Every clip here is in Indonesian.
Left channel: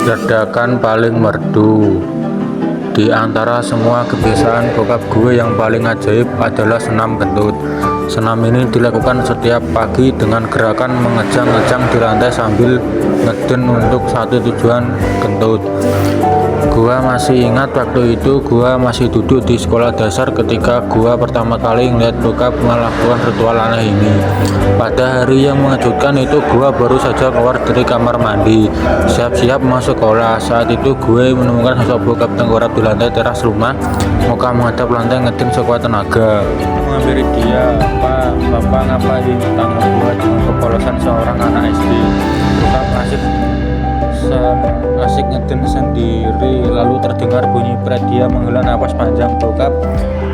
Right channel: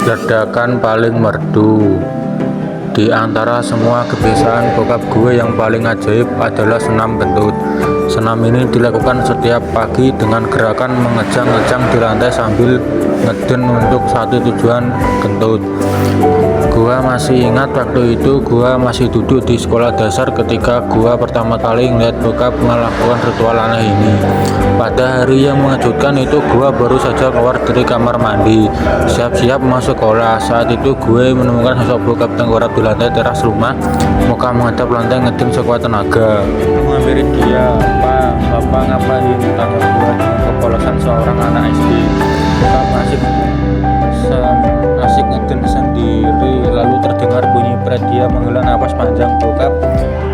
Ledakan paling merdu. Di antara semua kebiasaan bokap gue yang paling ajaib adalah senam kentut. Senam ini dilakukan setiap pagi dengan gerakan mengejang-ejang di lantai sambil ngeden untuk satu tujuan, kentut. Gua masih ingat waktu itu gua masih duduk di sekolah dasar ketika gua pertama kali ngeliat bokap melakukan ritual aneh ini. Pada hari yang mengejutkan itu gua baru saja keluar dari kamar mandi, siap-siap masuk sekolah. Saat itu gue menemukan sosok bokap tengkurap di lantai teras rumah, muka menghadap lantai ngeding sekuat tenaga. Menghampiri dia, "Pak, Bapak ngapain?" tanya gua dengan kepolosan seorang anak SD. Bokap asik ngeden sendiri, lalu terdengar bunyi pret. Dia menghela napas panjang. Bokap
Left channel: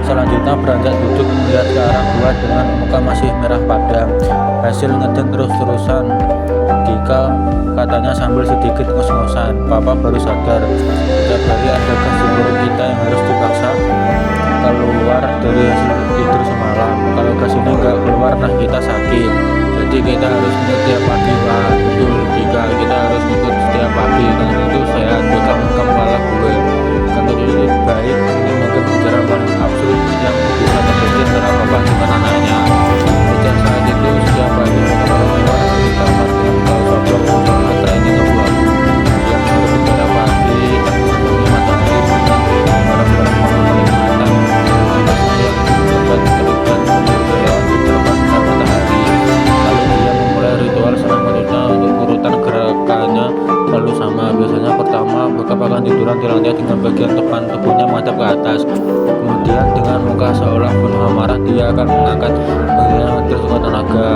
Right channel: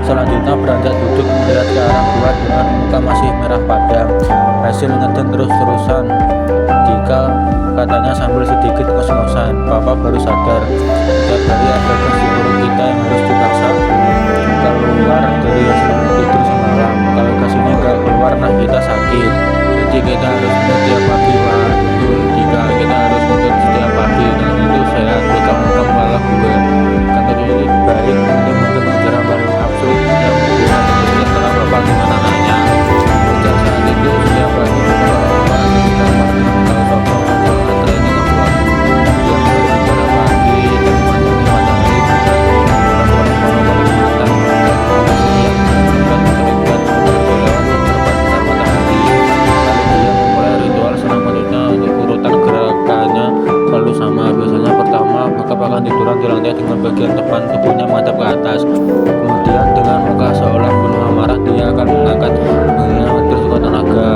selanjutnya beranjak duduk melihat ke arah gua dengan muka masih merah padam. Hasil ngeden terus-terusan, katanya sambil sedikit ngos-ngosan. "Papa baru sadar, setiap hari ada gas di perut kita yang harus dipaksa keluar dari hasil tidur semalam. Kalau gas ini nggak keluar, nah kita sakit. Jadi kita harus ngentut setiap pagi." "Wah, betul Dika, kita harus ngentut setiap pagi, dan itu sehat." Bekam kepala gue. "Kentut ini baik." Ini mungkin pelajaran paling absurd yang bisa terjadi antara bapak dengan anaknya. Sejak saat itu, setiap pagi bekam keluar dari kamar dengan kaos oblong dan celana training abu-abu. Dia menurut bicara pagi dan memandangi matahari dengan barang-barang penuh kenikmatan. Yang sempat terlibat berkelewat secerpas sinar matahari. Lalu dia memulai ritual senam kentutnya. Untuk urutan gerakannya selalu sama. Biasanya pertama bokap akan tiduran di lantai dengan bagian depan tubuhnya menghadap ke atas. Kemudian dengan muka seolah penuh amarah dia akan mengangkat bagiannya ngedeng sekuat tenaga.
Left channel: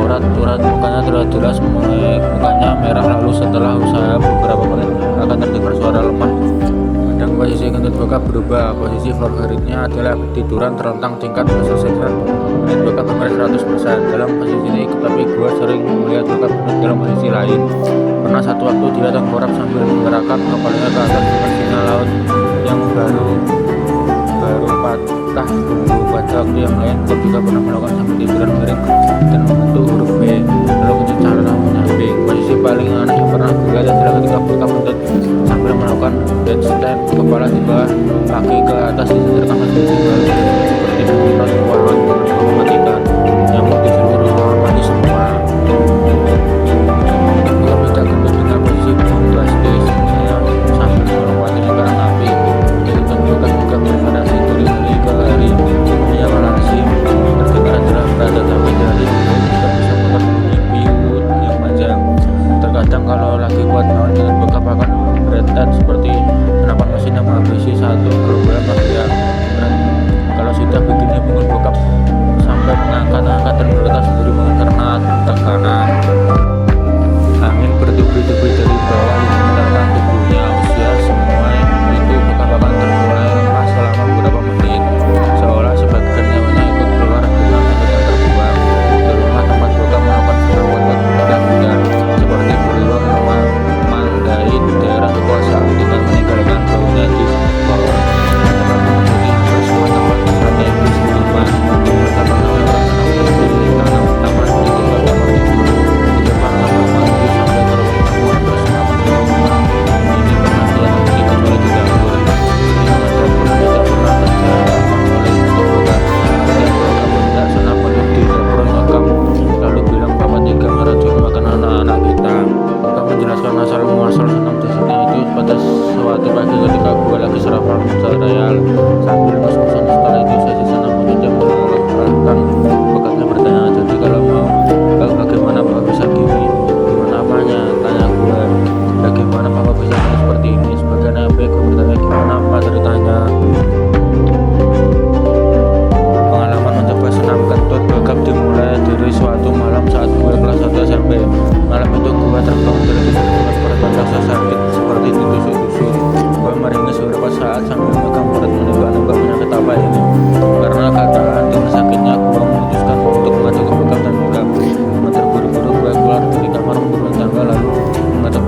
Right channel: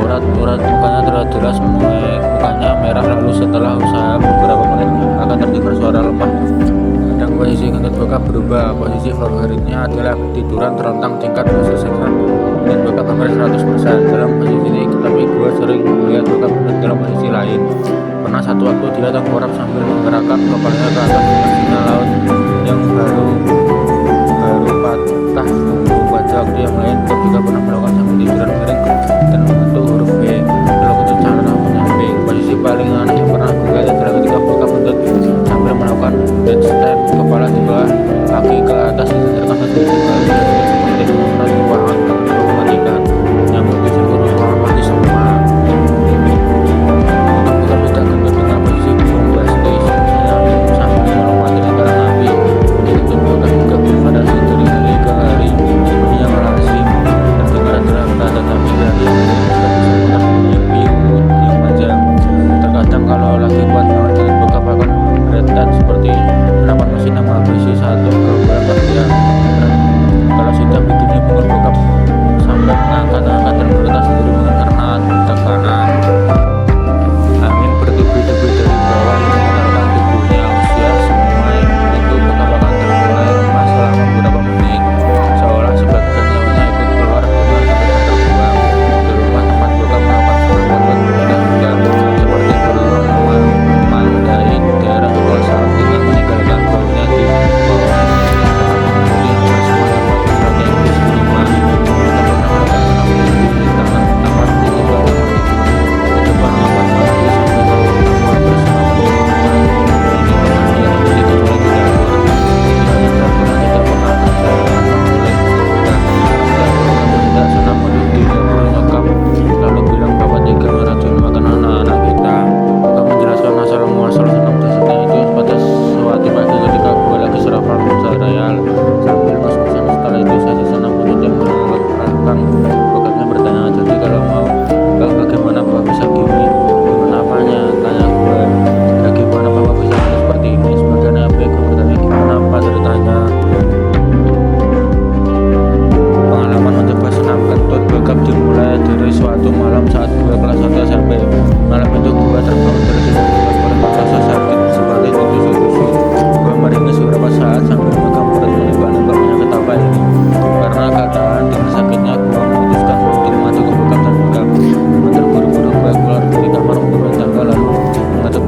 Urat mukanya terlihat jelas, mukanya merah. Lalu setelah usaha beberapa menit akan terdengar suara lemah. Kadang posisi kentut bokap berubah. Posisi favoritnya adalah tiduran terlentang tingkat keselesaian melihat bokap hampir 100% dalam posisi ini, tapi gue sering melihat bokap dalam posisi lain. Pernah satu waktu dia tengkurap sambil menggerakkan kepalanya ke atas dengan sinyal laut yang baru patah punggung. Pada waktu yang lain bokap juga pernah melakukan sambil tiduran miring dan membentuk huruf V, lalu kentut cara menyamping. Posisi paling aneh yang pernah gue lihat adalah ketika bokap kentut sambil melakukan headstand, kepala di bawah, kaki ke atas disandarkan ke dinding, lalu dia kentut seperti menyemprot ruangan dengan bau mematikan. Nyamuk di seluruh ruangan mati semua. Untuk bokap tidak kentut dengan posisi bombastis, misalnya sambil melompat di lingkaran api. Bunyi kentut bokap juga bervariasi dari hari ke hari. Bunyi yang lazim terdengar adalah berat, tetapi dari yang baik juga bisa memutar bunyi piut yang panjang. Terkadang kalau lagi kuat naon, kentut bokap akan beretet seperti senapan mesin yang menghabisi satu gerombolan manusia berat. Kalau sudah begini, punggung bokap sampai mengangkat-angkat dan bergetar sendiri karena tekanan. Angin bertubi-tubi dari bawah yang memutarkan tubuhnya. Usia semua itu bokap akan termulai lemah selama beberapa menit, seolah sebagian nyawanya ikut keluar dengan kentut yang terbuang. Di rumah tempat bokap melakukan senam kentut berpindah-pindah seperti berulang memandai daerah kekuasaan dengan meninggalkan baunya di bawah. Bokap mengikuti hampir semua tempat strategis di rumah. Bokap pernah melakukan senam kentut di taman di depan kamar tidur, di depan kamar mandi, sampai ke ruang tamu. Hampir semua penduduk rumah ini pernah dia ambil kecuali di dapur. Di hanya dapur yang tidak pernah terjamah oleh kentut bokap. Dan bokap hendak senam kentut di dapur nyokap, lalu bilang bahwa tega meracuni makan anak-anak kita. Bokap menjelaskan asal muasal senam jasadnya itu pada suatu pagi ketika gue lagi sarapan cereal sambil ngos-ngosan. Setelah itu sesi senam kentut yang melelahkan. Bokapnya bertanya, "Jadi kalau mau bagaimana papa bisa gini?" "Gimana apanya?" tanya gue. "Bagaimana papa bisa gini seperti ini?" Sebagian apa gue bertanya, "Gimana apa ceritanya?" Pengalaman mencoba senam kentut bokap dimulai dari suatu malam saat gue kelas 1 SMP. Malam itu gue terbangun dari tidur dengan perut yang rasa sakit seperti ditusuk-tusuk. Gue meringis beberapa saat sambil memegang perut menebak-nebak penyakit apa ini. Karena keadaan dengan sakitnya, gue memutuskan untuk mengadu ke bokap dan bokap. Dengan terburu-buru gue keluar dari kamar menurun tangga lalu mengetuk